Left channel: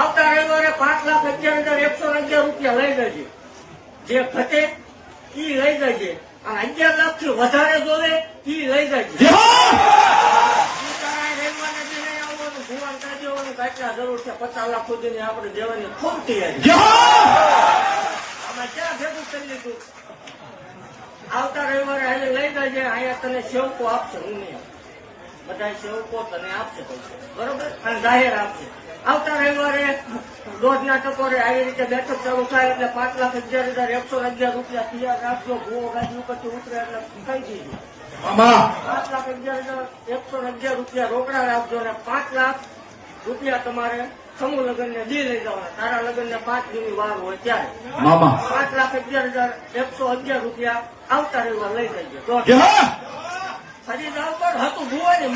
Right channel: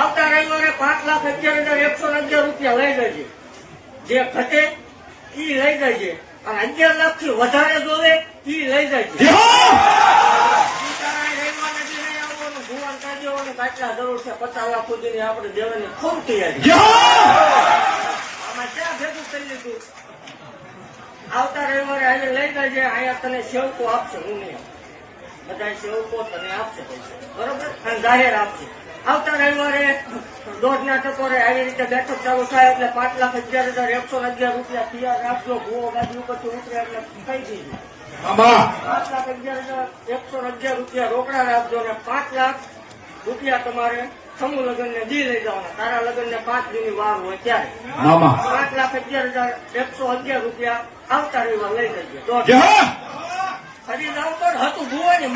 આવતા રવિવારે 5,11,111 રૂપિયા લઈ જજે. જે ઘટે ઈ લઈ જજે અને 11 લાખથી વધારે જોવે ઈ લઈ જજે. ભુવન કાઢ્યો કેટલા જરૂર છે 50 લાખ સુધીની આપણે દેવાની ખૂબ તૈયારી. આમાં ક્યાં ભેગું કરી લીધું? આવતા રવિવારે અહીંયા લઈ જજે. અહીંયા તને સેવકો આપશે, હું નહીં. બધા સેવકો તને આપશે પૈસા, બરોબર, અને જાહેર આપશે. આવતા રવિવારે 1.5 ટકોરે આવી રીતે બેઠક ચાલુ થાય એટલે 5,11,111 રૂપિયા તૈયાર રાખજો. ભૂવો ગાડી ઉપરથી ઉતરે એટલે કઈ દીધું 5,11,111 રૂપિયા રોકડા રાખજો અને 5 લાખ રૂપિયા તમારે સમૂહ લગ્ન ને દી લઈ જવાના. તારા લગ્ન ને 5 દીની વાર હોય ત્યારે 5,11,111 રૂપિયા આવતા રવિવાર લઈ જજો. ફરી જાવ પણ હતું ભૂવાની